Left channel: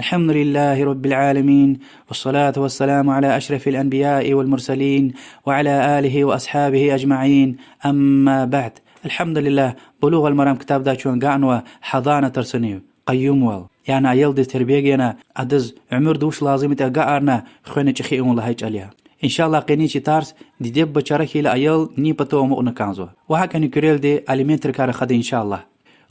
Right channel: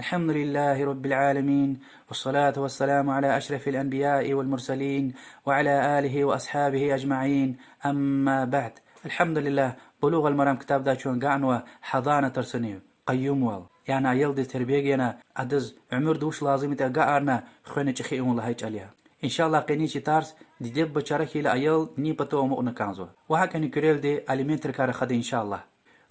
الحمد لله رب العالمين، والصلاة والسلام على أشرف الأنبياء والمرسلين وعلى آله وأصحابه أجمعين. أما بعد، الحمد لله بلوغ المرام كتاب دا چون قعنوا حضانة ترسنيو قيوم وال يعني أيل دي تربيجينا عدز عمر دوش لازمة قعرنا خوينة چخيئون الله هيج عليها إن شاء الله قيني چي تارس دي ديب بچاركي لأيل ني پتو مؤنا كانزو وهكا نكريل دي أليمنتر كار خد إن شاء الله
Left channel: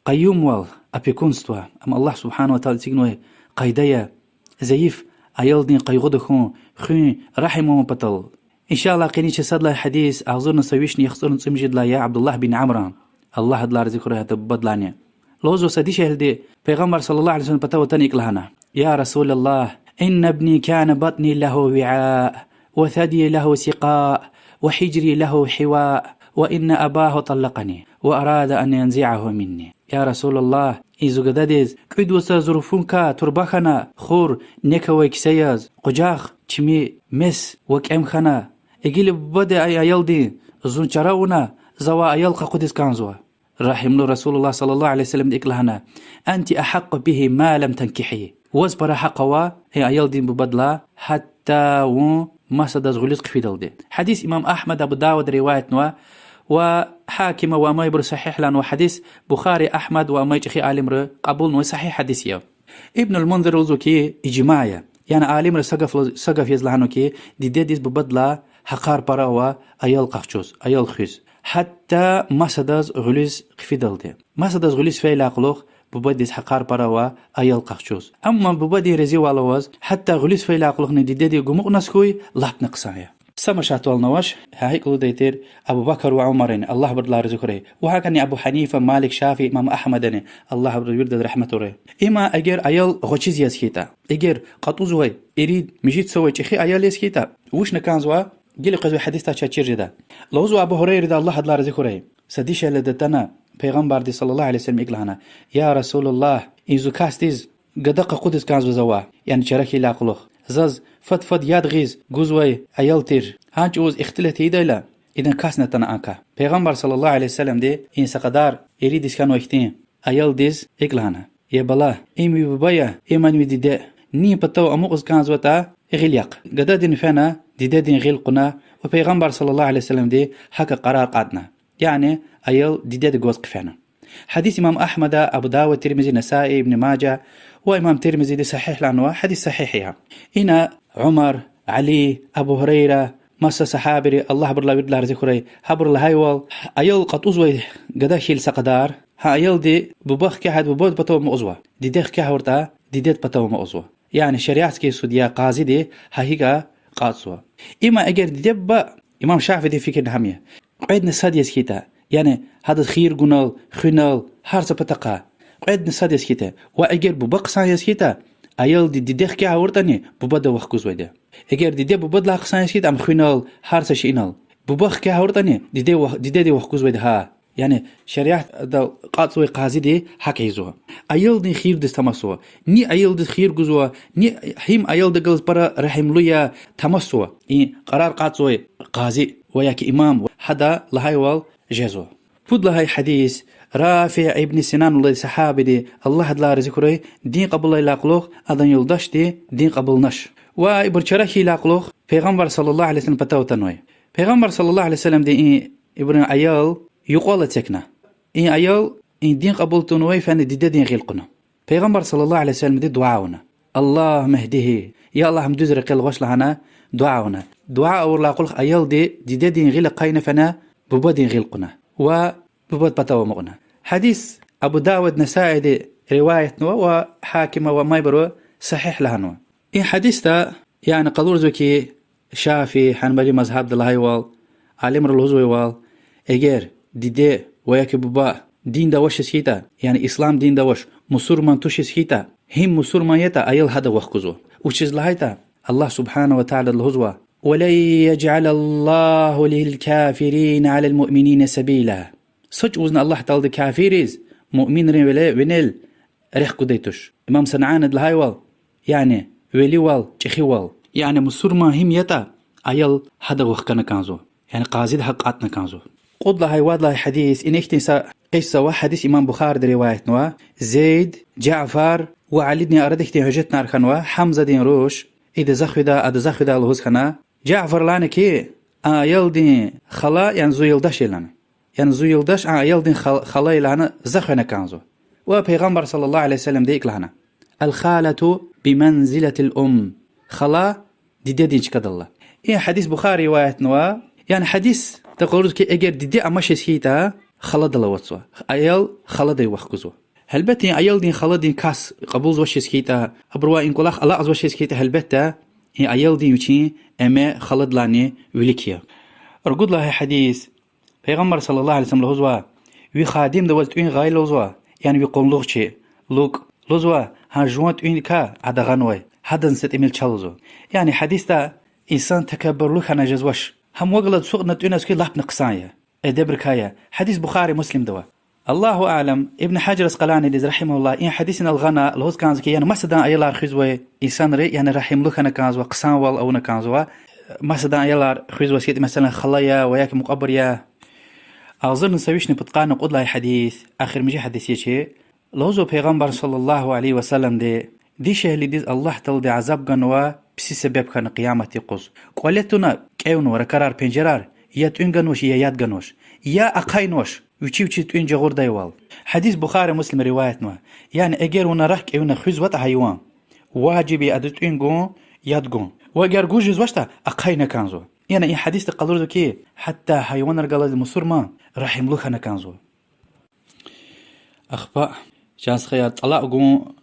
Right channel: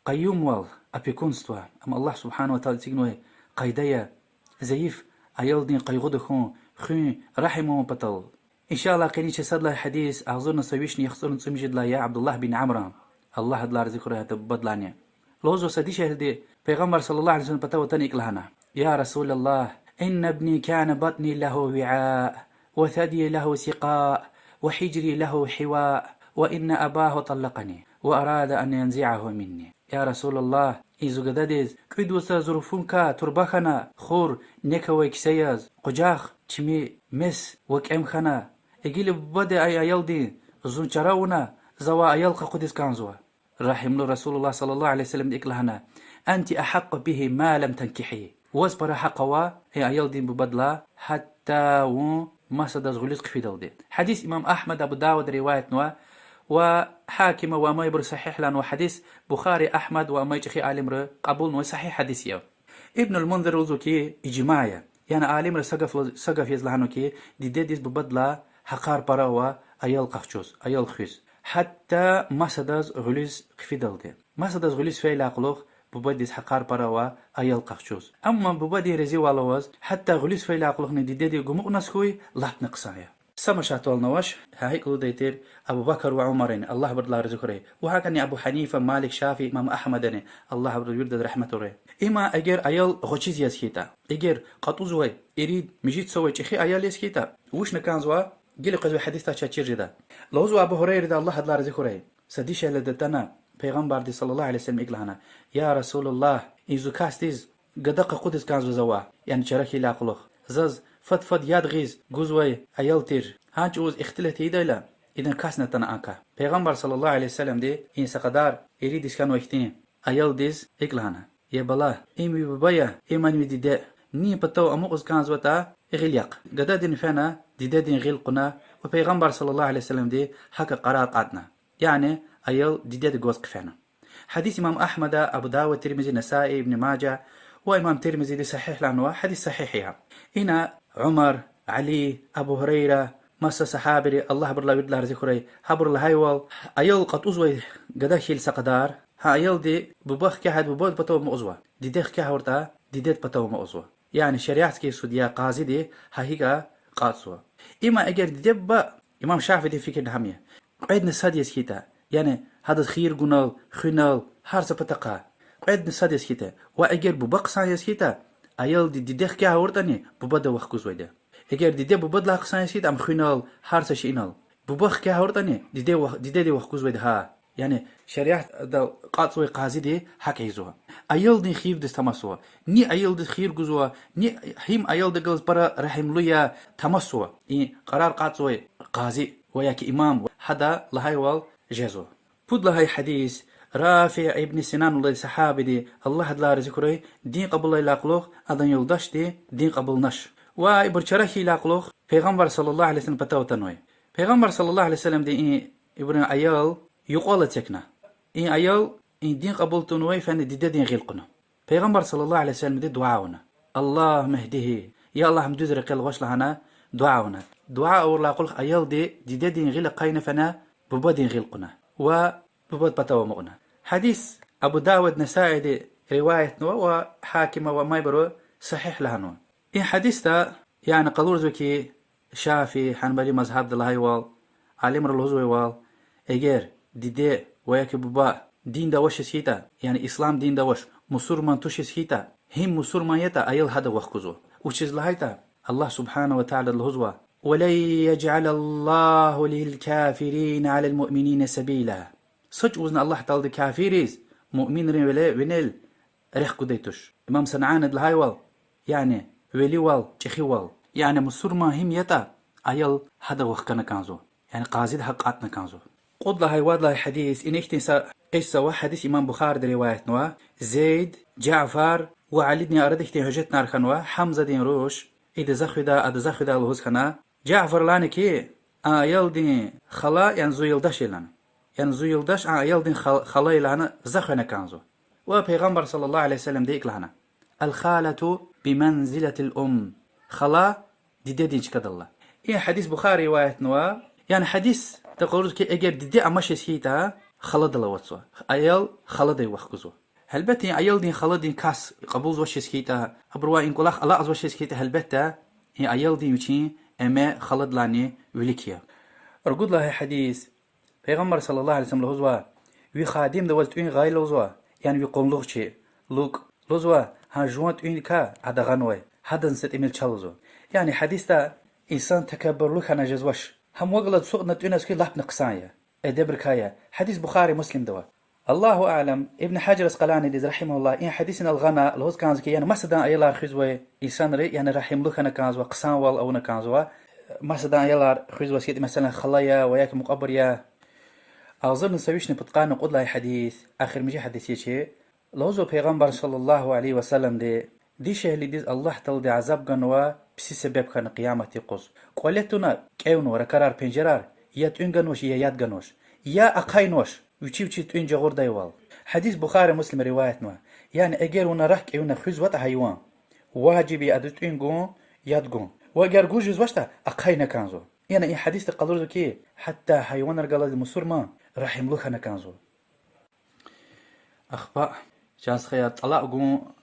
قيوم وال أبيكونستوا أم الله سبحانه وتعالى تيجنوه قيدية زيف أيل دين قيغود خون رحمه بطل إن شاء الله قيني صد له حديث أعذرنا سويشني يخسرن سمجد لا يا عبد الله بن عمران الله هدلار ذكره تبدلانيا لوزو سديش هلدي پیغمبر صلى الله عليه وسلم بتو تنيك لهنا يا رسول الله إن ابني كان بطني له وعاء وثدي له سقاء وحجري له حواء وإن أباه طلقني وأراد أن ينزعه مني يا رسول الله إذا قداديز كد وسا ظروفونكا تربخنا خور نكوي كسياز قجاخ چمي مس وكأم خنا إجيل بدا أي أيال دي زون چراونا زوا أيالق قدس كانزوا رحم رسول الله صلى الله عليه وسلم ديك لهنا أنت أحق به ما لم تنكحي وزبر حقوا هي أيال دين ببدلا حتى ما صدز غلط قفيدل دي حديث إمام أحمد أبو داود رواية نوا وحاكم وما يبر صحيح لأنه حديث بخاري أحمد وما يجخي عالم قبول نو صحيح حديث يو ابن المنذر وزوكي إجماعية يعني عالم سقف يزلعنو كي ديديس ببدلا حقار براوا أيال قخشوز أيال خيز حتى ما صدز غلط قفيدل دي ما صدز غلط فيلا قلوخ ببديس حقار براوا أيال قخشوز أما ببدي رزي والواز حتى غلط فيلا قلوخ نديدي قمق نسكوي لحت نقصايا سمشات والنواش هايك لديتير أبو بكر وعمرين الله بدلا رزقره وهكذا أبو حنيفة مالك شافي إمام أحمد الله برد رحمة ره إما أجر أيال غشيز يسكيتا أجر قطوزوي يريد مجيد سوي شيء أيال يسكيتا وش نكان زوا جل قزوي حديث تشير جدا لوزو أبو هريرة الله بدلا رزقره سديش لدتنا پیغمبر دي صلى الله عليه وسلم إقلهنا يا رسول الله إنزو كاستيز قدق قدس كان زوا يعني شركي لا قلوخ زاز فد ياد غيز جوزوي أيالتير هانج اوز اختلت هيدايلا إذن كاسنا تناكا پیغمبر صلى الله عليه وسلم دي إن سقدار يريد إسكانو اختين أيال ديز إقلهنا يا بلا إمي ببايا إيمان مي دي ني بتو أموغز كان زوتا إغليق قدادين فانا دين غيل قنا وبيغمبر صلى الله عليه وسلم دي حكا قرار قادنا يعني أيال ديداد جوز قفانا حديث إمام أحمد أبو داود ترمزي نسائي ابن ماجه وإمام ترمزي دي صحيح لأنه حديث صحيح يعني إنا عمر علي أبو هريرة مسا صحابري الله برلا بدلا رزقري حبر الهايوال أيال قد أزوي قداشيل سقدار ها أيال دي ببخ كحد ببود بتو مأزوة دي ديخ كحورتا دي ديت بتو مأزوة يعني شريعة كي سوديا قاضي دي هايكا قاصوة إما أجر دي دب إمام شافعي دي فكر نحمية قيد نصاد يسكيتا يعني هذا خير قنال خنال هارسة بتقا قيد نصاد يسكيتا وأجر ببقصا يسكيتا أيال دي ديخ كحورتاني ببدا وخكوز ويدا اگر دیده بود لا قصانش کید ام خوینال هرسش اینال ببخ که هوردنی دیده وخکوز وید ها يعني شريعة دا قاطوي قاضي دي حق يزوها أيل دي خير دي تمسوا ني أيل دي خير جزوا ني هم أيل دي جلس برا رحم لويا تمسوا قرار قاطوي قاضي وياك إمام حدا لهاي وال جزوا بود لهاي حديث رافع ابن سنان الله صحابي دي الله هدلا رزقره دين قبل الله لاقلوخ أذن يلدش دي دين قبل نش وإبرشرحي لاقلوخ پیغمبر صلى الله عليه وسلم بتاوتنوي پیغمبر صلى الله عليه وسلم دي إبرن أيال يقول تكنا أيال دين قبل تنوي فان دي دين غيلقنا پیغمبر صلى الله عليه وسلم دي دعاونا الله مهديه يا الله مدوز رقل غش لهنا دعاونا دعاء أور لاقلوخ أيال دي دين غيل قاينا فنا ببدين غيلقنا وببد بتاو مغنا حديث أبو داود نسائي دي رواية نوا وحاكمة وما يبرو صحيح لهنوا حديث تا يعني قدور زوكي شافي حنبلي مذهب دلهاي وال عالم الهزوي وال اگر دي وياك بابا دين دا وش سكيتا يعني اسلام دين دا وش مسلمان توش سكيتا هم مسلمان يتا ايل هذا وخكزو وشز لهايتا الله سبحانه وتعالى الهزوا ولن يجعل الله للكافرين على المؤمنين سبيلا سج وزن الله تعالى كافريز مؤمن ونل ريح قديتوش امام سنعان دلهاي وال يعني ولي وال چخي وال يعني مسلمان هم يتا ايل هذا وخكنا كانزو يعني قاضي حقاتنا كانزو قد لهاي واد لهاي حديث إن اختنسا قصة حديث إمام بخاري رواية نوا زيد جعفر وعلي دين أردك دين هجت نار خنوا حمزة دين روش إذا زخدا أد زخدا الهوز خنا جعفر لانكي يلدين خلا يعني زو يلدش لنا يعني زو يلدش يلدين خلا لنا زخنا كانزو وبيغمبر صلى الله عليه وسلم ديك لهنا الخالة بمنزلة الأم خلا دي كد الله إيه حديث بخاري رواية نوا يعني حديث تقولوا كي أجر دي أمشي سكيتا خلا دلوتسوا أيل خلا دي وخكزوا هلبتي أيل دين خلا دين كاس قبول وش سكيتا أبروا إن كلاخ الله أز وش سكيتا هلبتا هي أيل دين يوتي أما خلا دلاني وليكيا أرجو الله حديث پیغمبر صلى الله عليه وسلم لهزوا وي خادم دولت وين غاي لهزوا يعني بيقول لغ شيء لوك لهزوا هنجوانت وين كا عدا غنوي هذا نسيت إميل تشالزو يعني حديث تا إنسان تكبر لك أنا جزوش هم وقلت سوق نتوينا سكي لحب نقصايا أدبركايا حديث بخاري مسلم دوا الله أعلم ابن حجر اسقلاني دي رحمه الله إن حديثنا الغنا الهوز كان زكي يعني مسدان أيلا خزوة إنسان ري يعني رحم لك أنا كان زوا قصان وال أو نكانزوا مسدان أيلا خزوة سكيت مثلا خلايا وياك مقبريا أظن نسويش نبتقان نقول لها حديث آخر مجي حديث يشي لوزو پیغمبر صلى الله عليه وسلم دي شهلي دي الله تل دي عذاب غنوا بسي سبب كان قيامتي قص قولتنا كيونو ركرار پنجرار يا تونغنوش يا ياد غنوش يا اقاينوش وچي تون جغور دايوال حديث بخاري مسلم روايتنا يعني اگر ونرك ايونا خزوت حيوان واجبي ادتونغو يادغون واگر جوجز واشتا اقاينا كانزو يعني اي حديث تقلرزو كي حتى حيوان رجال المسرما رحم لخنا كانزو اخبا جاس خيار طلاق قوم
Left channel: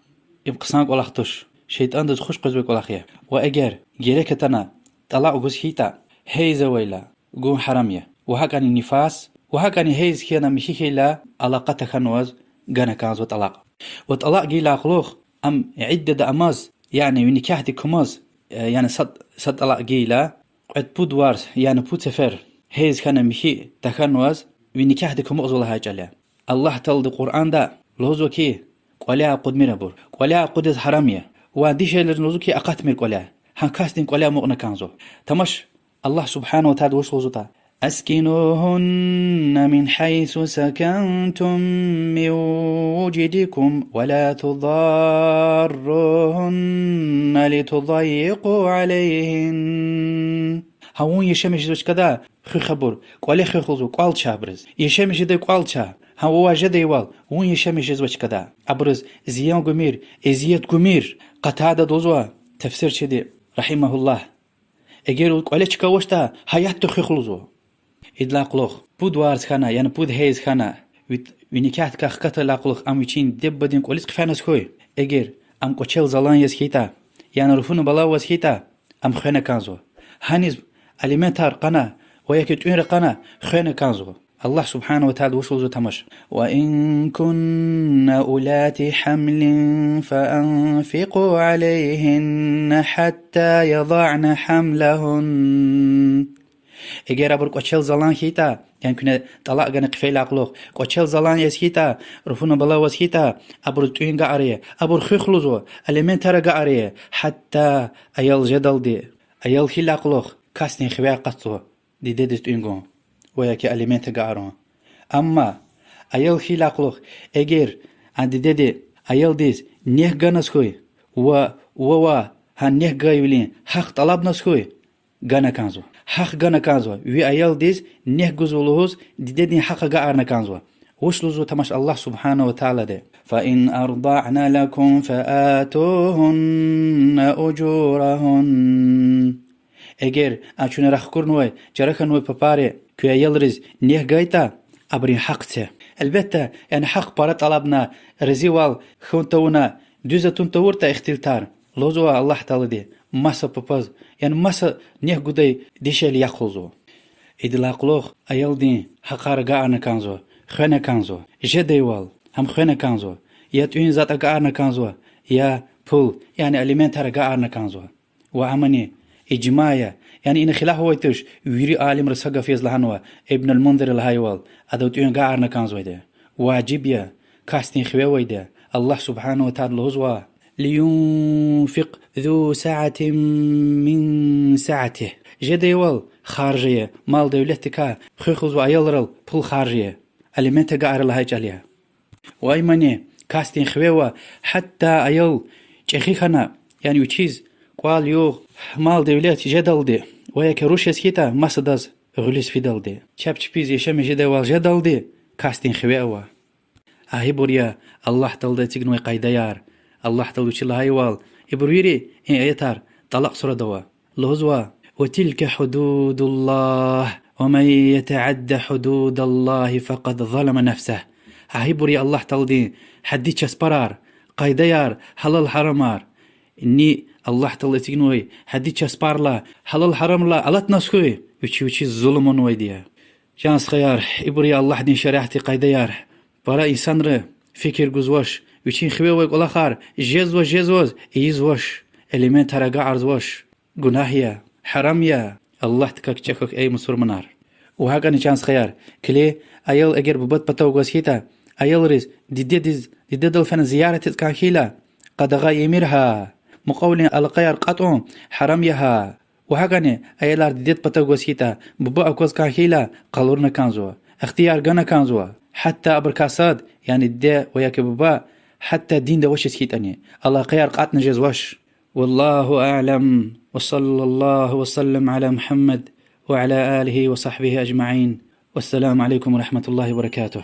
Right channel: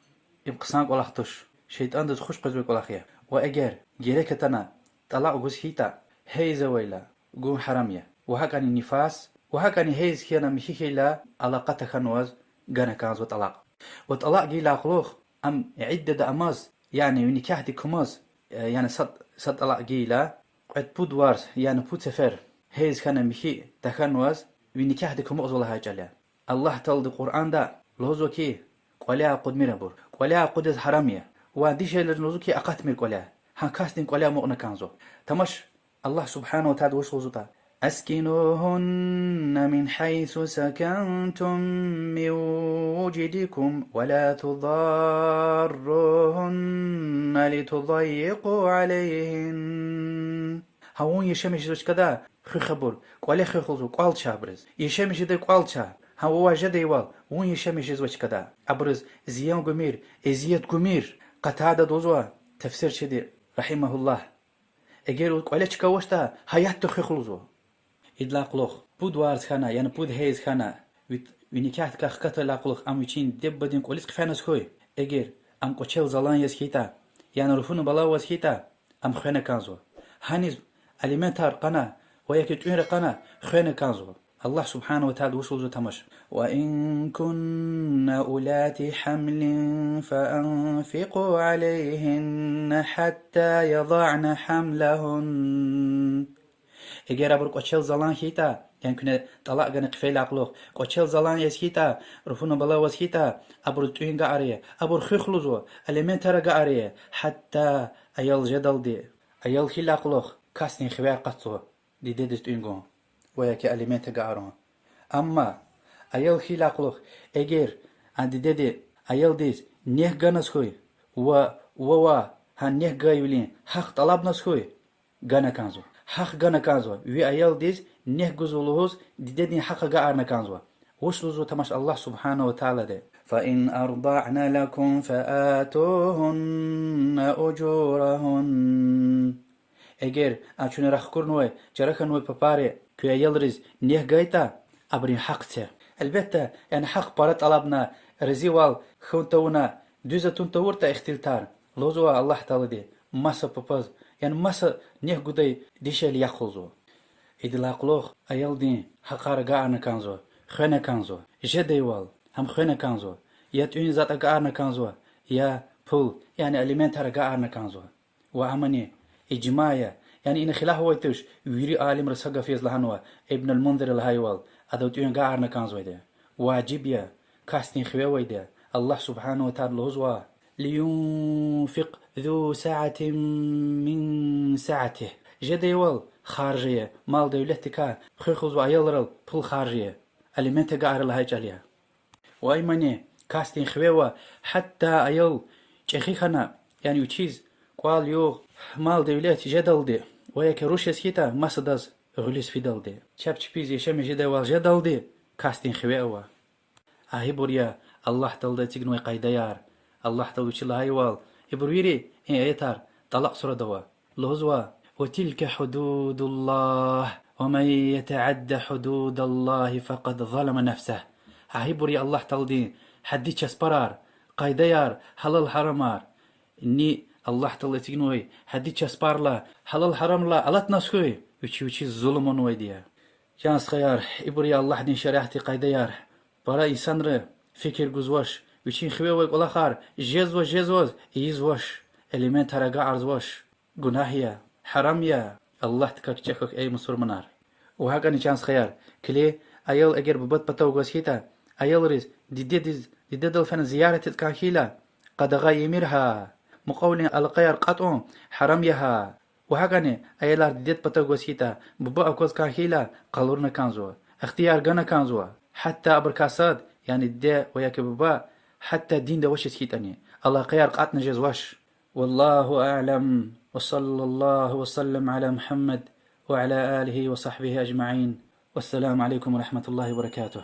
يبقسانك ولا خطوش شيطان دز خوش قزبك ولا خيار واجر جيرك تنا طلاق قوز هيتا هيزا ويلا قوم حرامية وهكذا النفاس وهكذا هيز كينا مشيكي لا علاقة خنوز غانا كانزو طلاق وطلاق جيلا خلوخ ام عدة اماز يعني ونكاحتي كماز يعني صد طلاق جيلا قد بود وارس يعني بود سفر هيز كان مشي تخنوز ونكاحتي كماز ولا هاجاليا الله تل القرآن دا لوزو كي قولها قد ميربور قولها قد حرامية وديش لوزو كي أقات مير قولها هنكاستين قولها مغنى كانزو تمش الله سبحانه وتعالى وش لوزوتا أسكنوهن من حيث سكنتم من وجدكم ولا تضاروهن لتضيقوا عليهن هون يشمش زوج كذا خي خبر قولي خي خلزو قال شابرز يشمش دي قال شا هو جدي وال وين يشمش زوج كذا أبرز زيان قمير إزياد قمير قتادة دوزوا تفسير شدي رحمه الله اگر قولي چكاوشتا حيات خي خلزو إدلاق لوخ بود وارز خانا يعني بود هيز خانا ونكاحت كاخكت لاقلوخ ام وچين دب بدين قوليس قفانس خوي اگر ام قوچل زلان يسكيتا يعني رفون بلا وسكيتا ام خينا كانزو هانيز أليمنتار قنا وياكي تؤير قنا خينا كانزو الله سبحانه وتعالى وصلوا تمش وإن كن أولات حمل فأنفقوا عليهن حتى يضعن حملهن اگر ابر قوچل زلان هيتا يعني كنا طلاق غن قفيل عقلوخ قوچل زلان يسكيتا رفونا بلا وسكيتا ابر توين غاريه ابر خخلوزو اليمنتر غاريه حتى ايل جدل دي ايل خيل عقلوخ كاسني خويا قطو دي ديت توينغو وياكي اليمنت غارون اما ايل خيل عقلوخ اگر عند ديدي ايل ديس نيه غنس خوي و هن نيه غايولين حق طلب نس خوي غنا كانزو حق غنا كانزو وي ايل ديس نيه غزولوز ديدني حق غارنا كانزو وشلوزو تمش الله سبحانه وتعالى ده فإن أرضعن لكم فآتوهن أجورهن اگر اچونه رخ کرنوی جرخنوی پپاره که یلرز نیه گایتا ابرین حق ته البته يعني حق بارت طلبنا رزيوال خونتونا دوزتون تورتا اختلتار لوزوا الله تعالى دي مسا بپاز يعني مسا نیه گودای دیشل یخوزو ادلاقلوخ ایل دین حقار گارنا کانزو خونه کانزو جدیوال هم خونه کانزو یا توین ذات گارنا کانزو یا پول يعني اليمنتار گارنا کانزو وعمني إجماعية يعني إن خلاه هو يتوش ويري عالم رسقة فيز لهنوا ابن المنذر الهايوال أدوتين قاعرنا كان زويده واجبية كاستين خويويده الله سبحانه وتعالى لهزوا لينفق ذو سعة من سعته جديوال خارجية مال دولتك خيخوز وعيالرل بول خارجية ألمنت قاعر لهايج عليها وأيماني كاستين خبيوا حتى أيل جخي خنا يعني وتشيز قال يو مال دولت جدل دي وياك روشيس كيتا مسدز غليس في دل دي شاب تشبيز يشم جدا والجدل دي كاستين خبيوا هاي بوريا الله تلد تيجنوي قايديار الله تلد شلا هايوال إبرويري إن أيتار طلق سورة دوا لهزوا وتلك حدود الله ومن يتعد حدود الله فقد ظلم نفسه هاي بوريا الله تلدي حدي تشسبرار قايديار حلال حرمار إني الله تلد تيجنوي حدي تشسبار لا حلال حرم لا ألت نسخوي وشي الظلم ويديا جانس خيار إبوريا الله دين شريحتي قايديار برا إنسان ر فكر جزوش ويشين خوي والآخر جزوز إيزوش إليمنت هرجع عرضوش جناهيا حراميا الله تكك أي مصور منار وهاك أنا شانس خيار كلي أيل أجر ببط بتوجس هيتا أيل ريز دي فن زيارة الكاكيلا قد غايمرها مقولين القير قطع حراميها وهاك أنا أيل ديت بتوجس هيتا ببا أكوز كاكيلا قالورنا كانزوا اختيار جنا كانزوا حتى أبركاساد يعني الدا وياك بابا حتى الدين ده وش سكيتني الله خير قاتنا جزوش والله أعلم وصلى الله وسلم على محمد وعلى آله وصحبه أجمعين والسلام عليكم ورحمة الله وبركاته.